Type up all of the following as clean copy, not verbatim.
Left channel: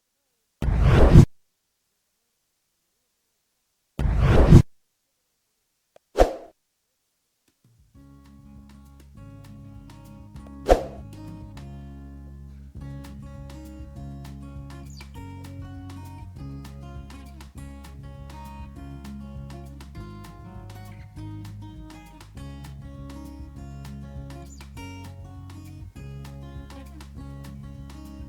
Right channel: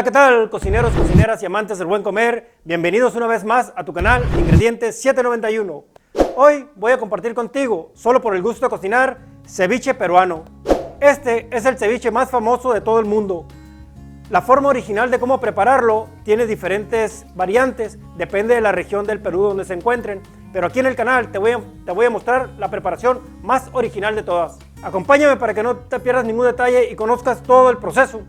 Hola, ¿qué tal, cocineros, cocineras y amantes del buen comer? Bienvenidos una vez más a tu canal Ingredientes 791. Hoy voy a compartir contigo, solo por el gusto de cocinar, ceviche peruano. Este es el ceviche más famoso de todo el mundo. La forma original de cómo prepararlo tiene diferentes variantes, depende de la región del Perú donde se encuentren, pero aquí en el canal te voy a mostrar la preparación más original de todas. Acompáñame para que no te pierdas ningún detalle y conozcas todo el proceso.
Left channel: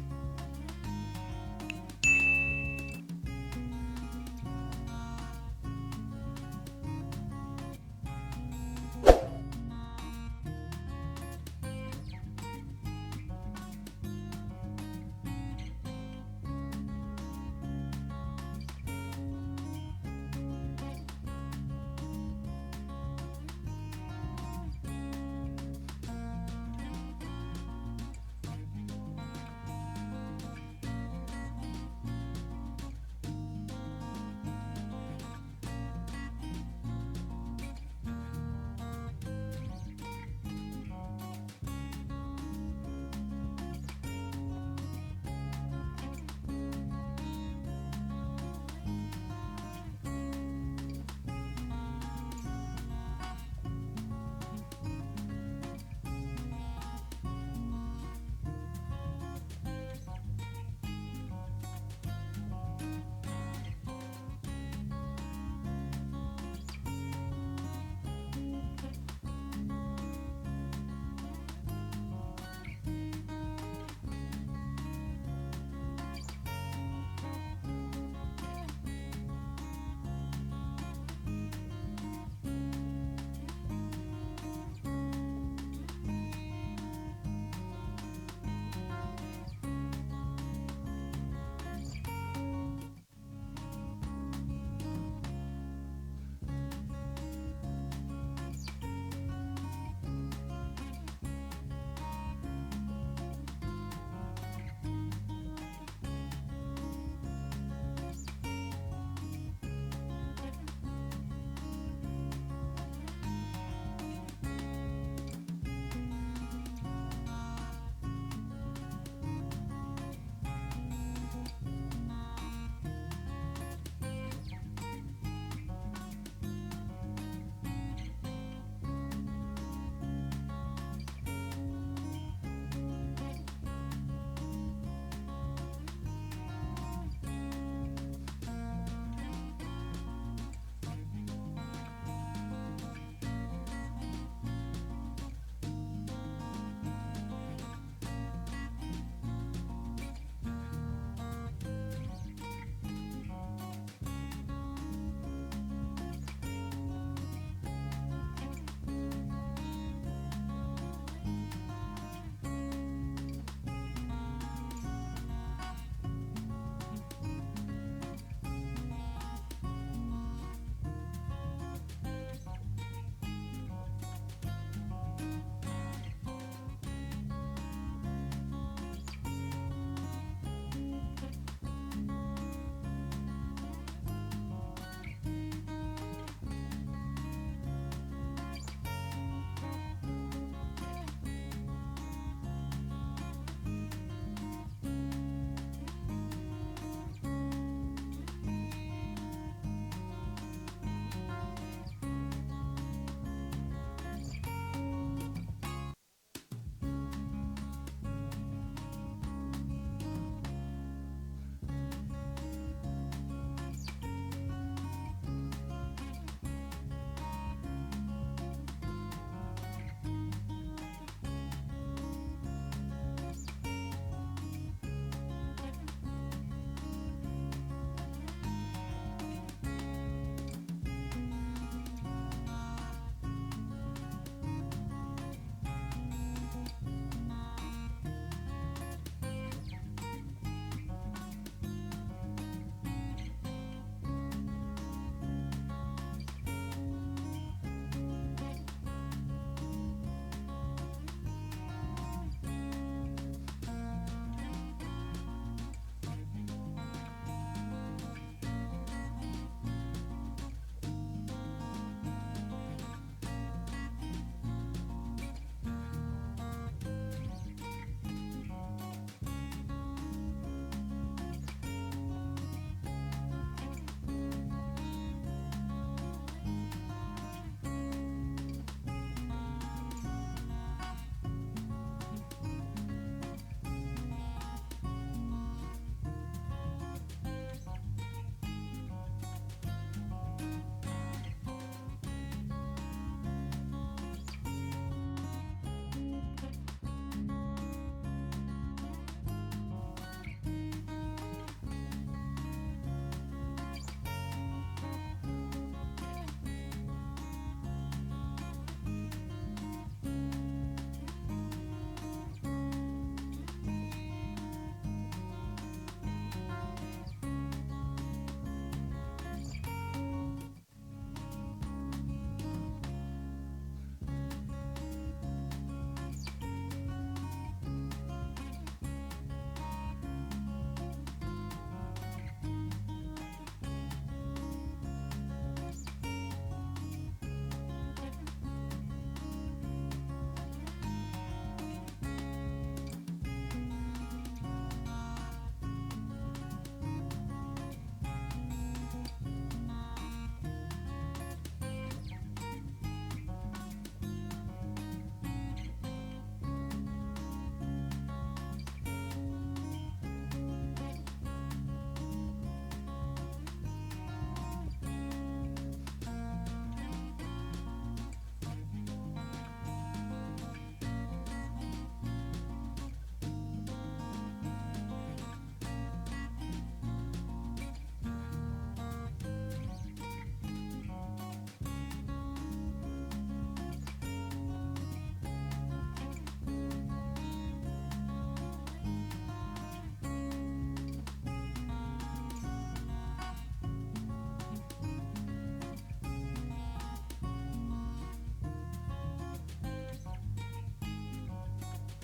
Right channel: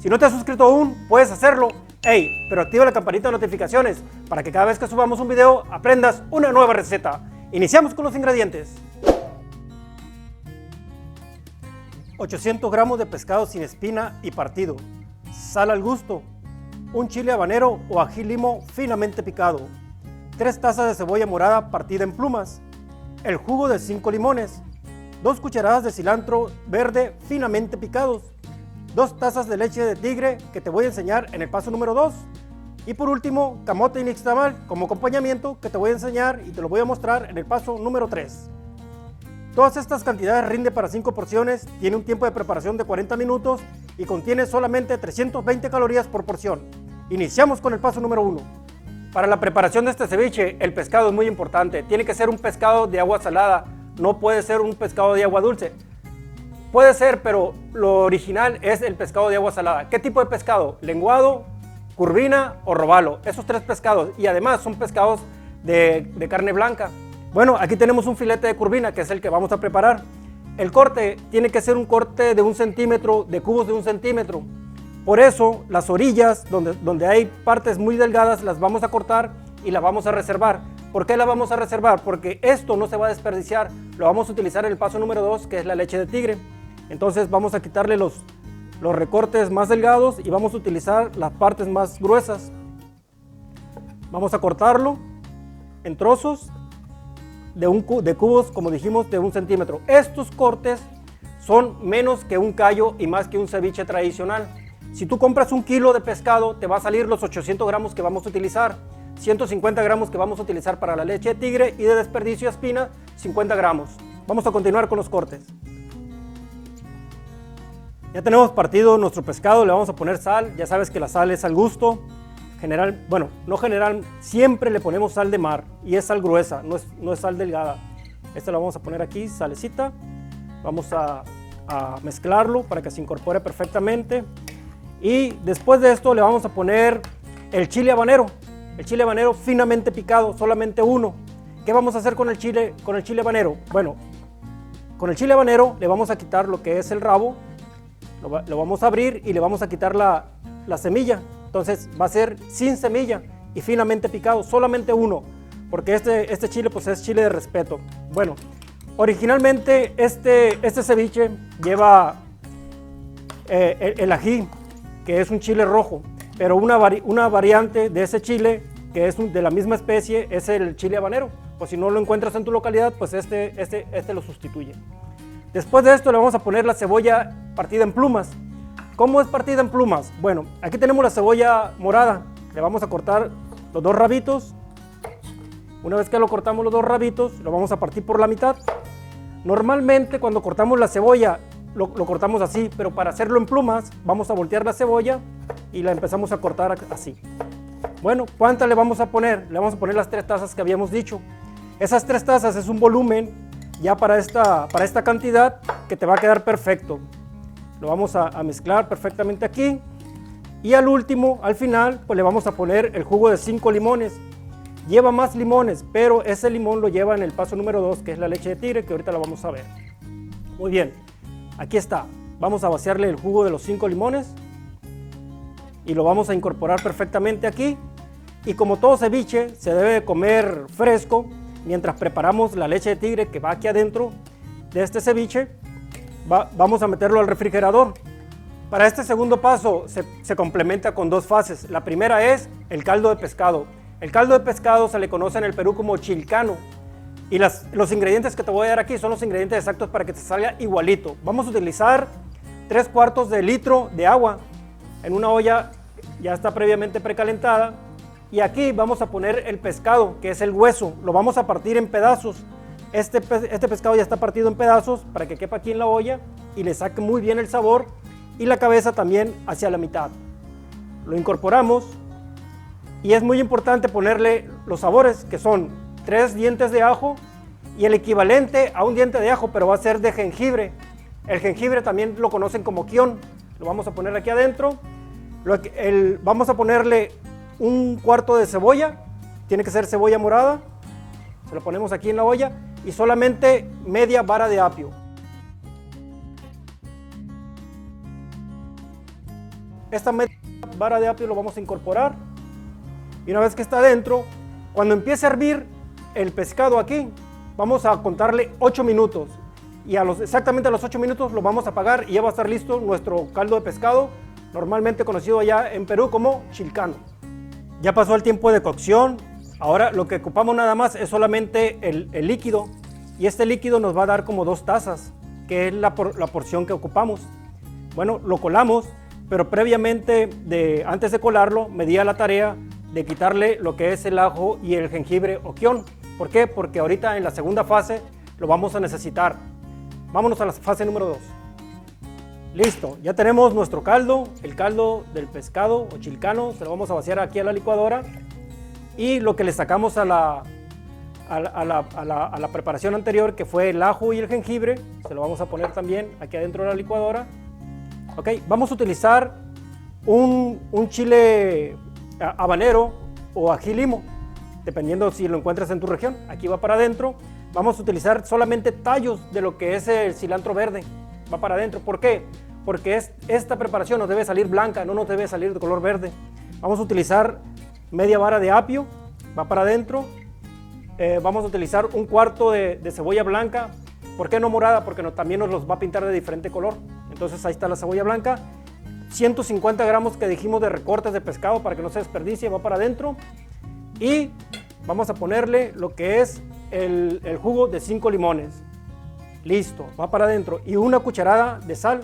Si no te has suscrito aún, puedes hacerlo. Hey, pero activa la campanita de notificaciones para que cada vez que subamos un video aprendas una nueva receta. Iniciamos con los ingredientes. 800 gramos de pescado sin espina y partido, sal al gusto, un chile habanero o ají limo finamente picado, 3 tazas de cebolla morada partida en plumas, el jugo de 5 limones, 2 cucharadas de cilantro verde finamente picados, 2 tazas de leche de tigre que te voy a enseñar en el paso número 2 y por último camote y nixtamal como acompañamiento que te voy a enseñar y te lo voy a mostrar en el paso número 3. Todas estas cantidades rinde para 5 porciones, tiene un tiempo de preparación de 40 minutos y contiene solamente 320 calorías por porción. Iniciamos con el paso número 1. Para la preparación de este ceviche, el pescado es muy importante. Tiene que ser un pescado de agua salada, no puede ser un pescado de agua dulce. Puede ser, pero lo original es el pescado de agua salada. ¿Qué tipo de pescado? Lenguado, curvina o robalo. Esos 3 pescados, y además son pescados de carne blanca. Bueno, aquí tenemos un filete de curvina, que es el que vamos a preparar. El corte tiene que ser un corte de 1 centímetro, de cubos de 1 centímetro. Por eso, las orillas, donde hay partes muy delgadas, las vamos a cortar y las vamos a reservar. ¿Por qué la vamos a reservar? Porque esto no se va a desperdiciar. Lo vamos a utilizar en el paso número 2, que es la leche de tigre. Entonces vamos a quitarle los recortes más delgados y vamos a utilizar las partes más gruesas. Vamos a cortarlo en trozos de cubos, como dijimos, de 1 centímetro. Estos cortes son menos que un callo y más que un ceviche tradicional. Si tú compras 1 kilo de pescado, te va a salir los 800 gramos que vamos a utilizar, 150 gramos que vamos a utilizar para la leche de tigre y de desperdicio de espina, 50 gramos. Vamos a continuar con los cortes. Ya tenemos partido nuestro pescado, le vamos a poner sal. Ya sabes que la sal es al gusto. Siempre le ponemos sal de mar y es sal gruesa, no es sal delgada. Esta la vamos a poner aquí, salecita. Vamos a mezclarlo para que se incorpore perfectamente. Y después de esto le vamos a poner el chile habanero. El chile habanero finamente picado, solamente uno. ¿Qué vamos a hacer con el chile habanero? Bueno, con el chile habanero le vamos a quitar lo que es el rabo, lo vamos a abrir y le vamos a quitar la semilla. Entonces va a ser sin semilla y finamente picado, solamente uno, porque este chile pues es chile de respeto. Bueno, originalmente este ceviche lleva el ají, que es un chile rojo, pero una variante de ese chile, que es de la misma especie, es el chile habanero. Pues si no lo encuentras en tu localidad, pues este lo sustituye. Después de esto le vamos a poner la cebolla partida en plumas. ¿Cómo es partida en plumas? Bueno, aquí tenemos la cebolla morada. Le vamos a cortar los 2 rabitos. Una vez que lo cortamos los 2 rabitos, lo vamos a partir por la mitad. Normalmente cuando cortamos la cebolla, lo cortamos así, pero para hacerlo en plumas, vamos a voltear la cebolla y la empezamos a cortar así. Bueno, ¿cuántas le vamos a poner? Le vamos a poner las 3 tazas que habíamos dicho. Esas 3 tazas es un volumen ya para esta cantidad que te va a quedar perfecto. Lo vamos a mezclar perfectamente aquí y al último, al final, pues le vamos a poner el jugo de 5 limones. Lleva más limones, pero ese limón lo lleva en el paso número 2, que es la leche de tigre, que ahorita la vamos a ver. Muy bien, aquí está. Vamos a vaciarle el jugo de los 5 limones y lo vamos a incorporar perfectamente aquí. Y como todo ceviche, se debe de comer fresco mientras preparamos la leche de tigre que va aquí adentro de este ceviche. Vamos a meterlo al refrigerador. Para este segundo paso se complementa con 2 fases. La primera es el caldo de pescado. El caldo de pescado se le conoce en el Perú como chilcano. Y los ingredientes que te voy a dar aquí son los ingredientes exactos para que te salga igualito. Vamos a utilizar 3/4 de litro de agua en una olla, ya está previamente precalentada. Y aquí vamos a poner el pescado, que es el hueso. Lo vamos a partir en pedazos. Este pescado ya está partido en pedazos para que quepa aquí en la olla y le saque muy bien el sabor, y la cabeza también hacia la mitad. lo incorporamos y es muy importante ponerle los sabores, que son 3 dientes de ajo y el equivalente a un diente de ajo, pero va a ser de jengibre. El jengibre también lo conocen como kion. Lo vamos a poner aquí adentro. Vamos a ponerle un cuarto de cebolla, tiene que ser cebolla morada, se lo ponemos aquí en la olla, y solamente media vara de apio. Esta media vara de apio lo vamos a incorporar, y una vez que está adentro, cuando empiece a hervir el pescado aquí, vamos a contarle 8 minutos, y exactamente a los 8 minutos lo vamos a apagar y ya va a estar listo nuestro caldo de pescado, normalmente conocido allá en Perú como chilcano. Ya pasó el tiempo de cocción, ahora lo que ocupamos nada más es solamente el líquido, y este líquido nos va a dar como 2 tazas, que es la porción que ocupamos. Bueno, lo colamos, pero previamente, antes de colarlo, me di a la tarea de quitarle lo que es el ajo y el jengibre o kion. ¿Por qué? Porque ahorita en la segunda fase lo vamos a necesitar. Vámonos a la fase número 2. Listo, ya tenemos nuestro caldo, el caldo del pescado o chilcano, se lo vamos a vaciar aquí a la licuadora, y lo que le sacamos a la preparación anterior, que fue el ajo y el jengibre, se lo vamos a poner también aquí adentro de la licuadora. Ok, vamos a utilizar un chile habanero o ají limo, dependiendo si lo encuentras en tu región. Aquí va para adentro. Vamos a utilizar solamente tallos de lo que es el cilantro verde, va para adentro. ¿Por qué? Porque esta preparación nos debe salir blanca, no nos debe salir de color verde. Vamos a utilizar media vara de apio, va para adentro. Vamos a utilizar un cuarto de cebolla blanca. ¿Por qué no morada? Porque también nos los va a pintar de diferente color. Entonces ahí está la cebolla blanca. 150 gramos que dijimos de recortes de pescado para que no se desperdicie, va para adentro. Y vamos a ponerle lo que es el jugo de 5 limones. Listo, va para adentro. Y una cucharada de sal.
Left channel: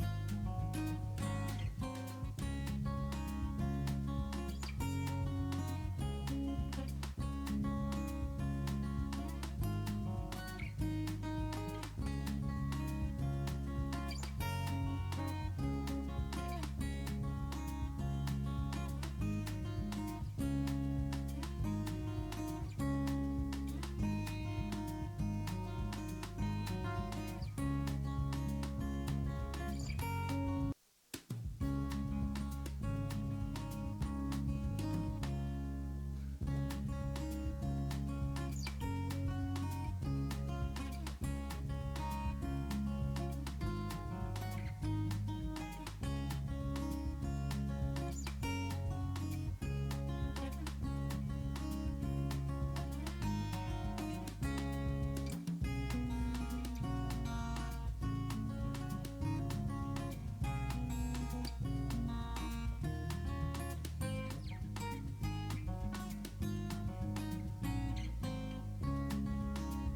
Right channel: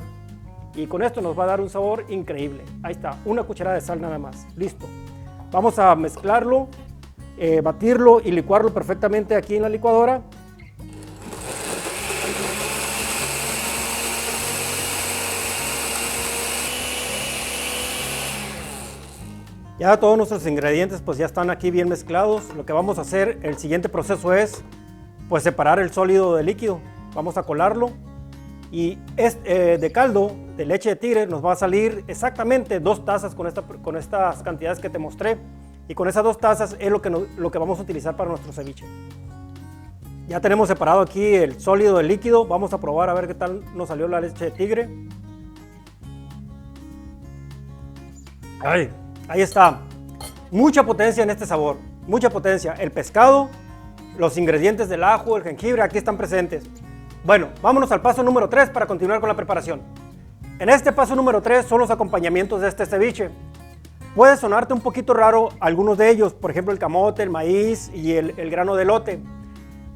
Y con esto nos va a dar un sabor increíble. Ahí está, una cucharada de sal nada más. Listo. Vamos a mezclarlo, batirlo y licuarlo perfectamente aquí en la licuadora. Ya todos nuestros ingredientes pues ya están aquí bien mezclados. Lo que vamos a hacer, el siguiente proceso es pues separar el sólido del líquido. Vamos a colarlo y de caldo de leche de tigre nos va a salir exactamente 2 tazas con estas cantidades que te mostré, y con esas 2 tazas es lo que vamos a utilizar para nuestro ceviche. Ya tenemos separado aquí el sólido del líquido. Vamos a probar a ver qué tal nos salió la leche de tigre. Ay, ahí está, mucha potencia en este sabor, mucha potencia. El pescado, los ingredientes del ajo, el jengibre, aquí están presentes. Bueno, vámonos al paso número 3 para continuar con la preparación. En este paso número 3 son los acompañamientos de este ceviche. Puede sonarte un poquito raro algunos de ellos, por ejemplo el camote, el maíz y el grano de elote.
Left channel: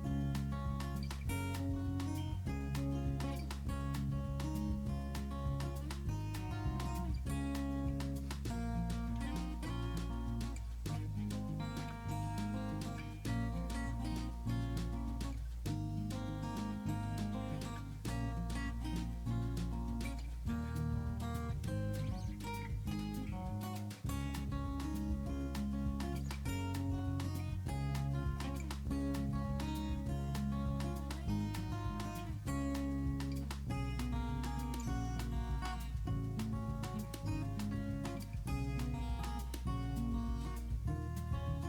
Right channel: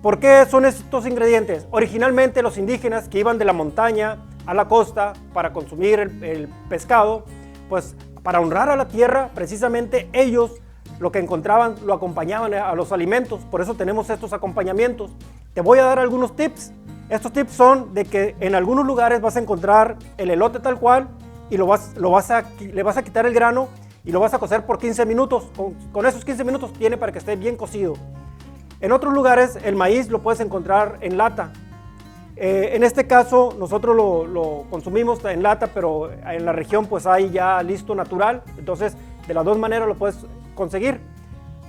¿Por qué son estos ingredientes? Originalmente los indígenas que iban de la montaña a la costa para consumir el pescado, pues para honrar a la tierra, precisamente ellos lo que encontraban lo acompañaban a los alimentos. Por eso tenemos estos acompañamientos. Te voy a dar algunos tips. Estos tips son de que en algunos lugares vas a encontrar el elote tal cual y le vas a quitar el grano y lo vas a cocer por 15 minutos. Con esos 15 minutos tiene para que esté bien cocido. En otros lugares el maíz lo puedes encontrar en lata. En este caso nosotros lo consumimos en lata, pero en la región pues hay ya listo natural. Entonces de las 2 maneras lo puedes conseguir.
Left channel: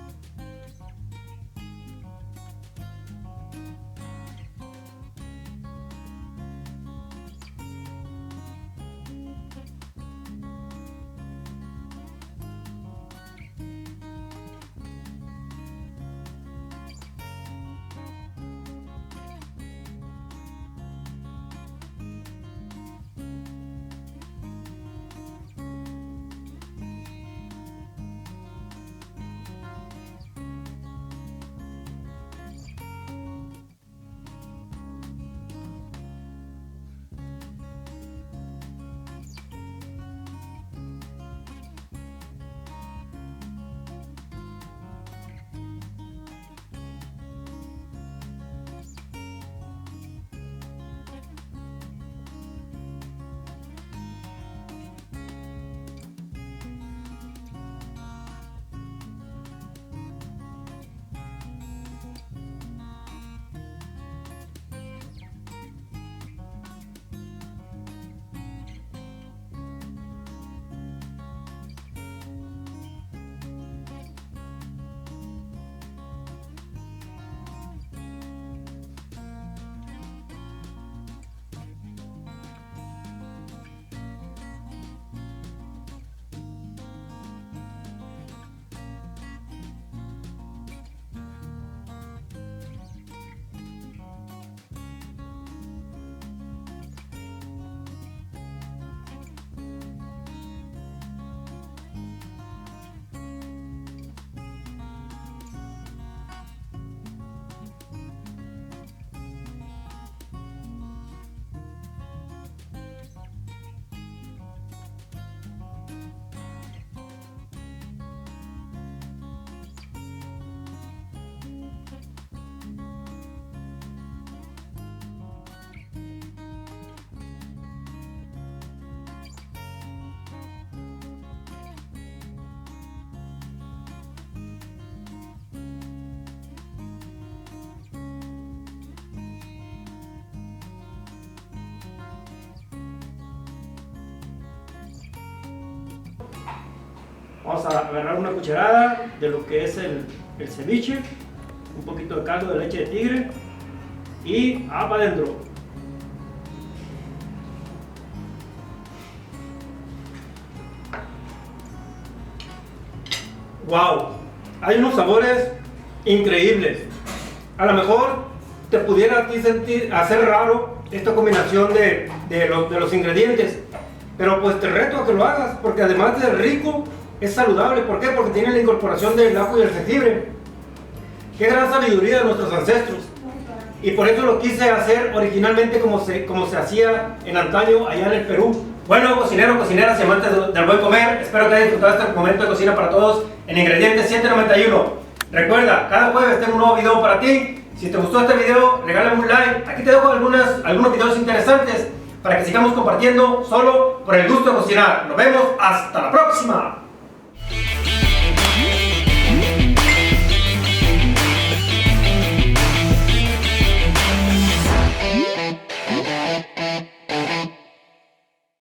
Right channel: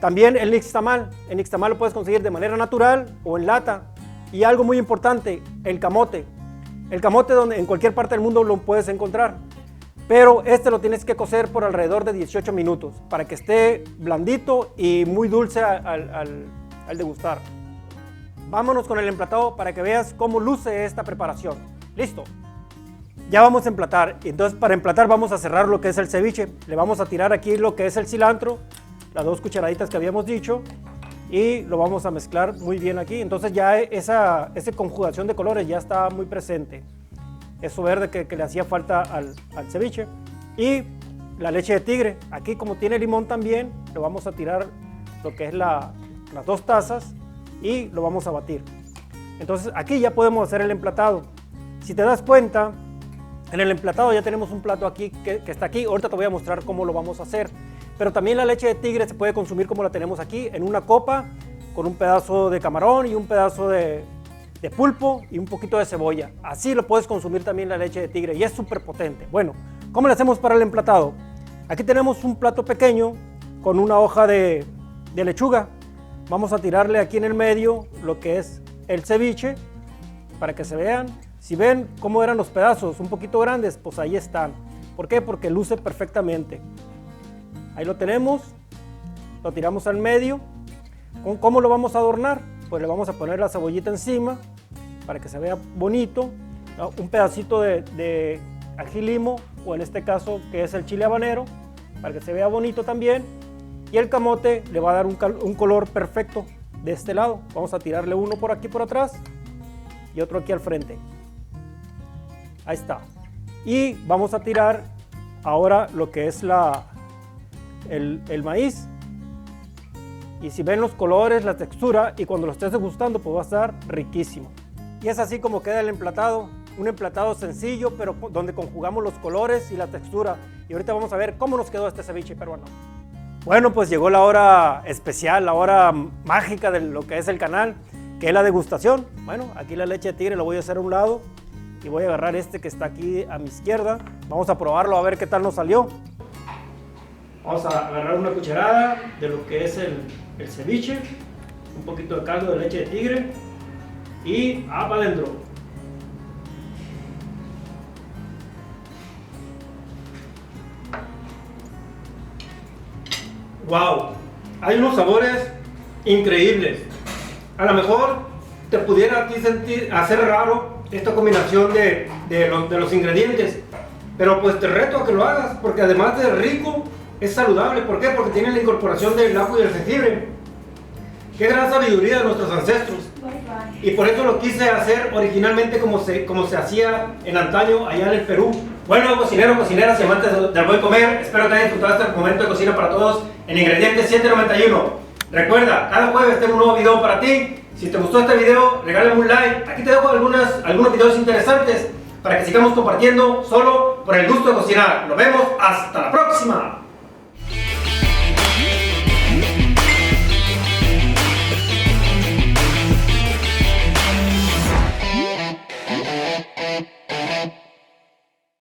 También el nixtamal lo puedes conseguir de manera natural o en lata. Y algo muy importante, el camote donde en cualquier parte del mundo lo puedes encontrar, pero lo tienes que cocer por alrededor de 18 minutos para que esté blandito y muy dulce al degustar. Vámonos con el emplatado para que veas cómo luce esta preparación. Listo, ya vamos a emplatar. Entonces para emplatar vamos a cerrar lo que es el ceviche. Le vamos a tirar aquí lo que es el cilantro, las 2 cucharaditas que habíamos dicho, y lo vamos a mezclar muy bien aquí. Entonces ya esa conjugación de colores ya está muy presente. Eso verde que le hacía falta al ceviche. Y la leche de tigre. Aquí como tiene limón también, le vamos a tirar lo que es las 2 tazas y lo vamos a batir. Entonces aquí ya podemos hacer el emplatado. Si te das cuenta, En el emplatado ya tenemos un plato aquí que está aquí. Ahorita te voy a mostrar cómo lo vamos a hacer. Pero también la leche de tigre se puede consumir como la tenemos aquí, en una copa, con un pedazo de camarón y un pedazo de pulpo y un poquito de cebolla. Así lo puedes consumir también la leche de tigre y es súper potente. Bueno, ¿cómo le hacemos para el emplatado? Aquí tenemos un plato pequeño con una hoja de lechuga. Vamos a tirarle aquí en el medio lo que es el ceviche para que se vean. Si ven cómo eran los pedazos, un poquito grandes, pues ahí están. ¿Por qué? Porque luce perfectamente. Ahí lo tenemos, lo tiramos al medio. ¿Cómo lo vamos a adornar? Pues le vamos a poner la cebollita encima para que se vea bonito, ¿no? Un pedacito de ají limo, o en este caso que es el chile habanero, para que se vea bonito también. Y el camote le va a dar un color perfecto de este lado. Vamos a tirarle uno por aquí por atrás y otro aquí al frente. Ahí está. Y vamos a tirar ahora lo que es el maíz. Y si ven los colores, la textura, y cuando lo estés degustando, pues va a estar riquísimo. Y es así como queda el emplatado. Un emplatado sencillo, pero donde conjugamos los colores y la textura. Y ahorita vamos a ver cómo nos quedó este ceviche peruano. Bueno, pues llegó la hora especial, la hora mágica de lo que es el canal, que es la degustación. Bueno, aquí la leche de tigre la voy a hacer a un lado y voy a agarrar este que está aquí a mi izquierda. Vamos a probarlo a ver qué tal nos salió. Vamos a agarrar una cucharada de lo que es el ceviche, un poquito de caldo de leche de tigre y para adentro. ¡Wow! Hay unos sabores increíbles. A lo mejor te pudiera a ti hacer raro esta combinación de los ingredientes, pero pues te reto a que lo hagas, porque además de rico, es saludable. ¿Por qué? Porque tiene la incorporación del ajo y el jengibre. ¡Qué gran sabiduría de nuestros ancestros! Y por eso lo quise hacer originalmente como se hacía en antaño allá en el Perú. Bueno, cocineros, cocineras y amantes del buen comer, espero que hayan disfrutado este momento de cocina para todos en Ingredientes 791. Recuerda, cada jueves tengo un nuevo video para ti. Si te gustó este video, regálame un like. Aquí te dejo algunos videos interesantes para que sigamos compartiendo solo por el gusto de cocinar. Nos vemos hasta la próxima.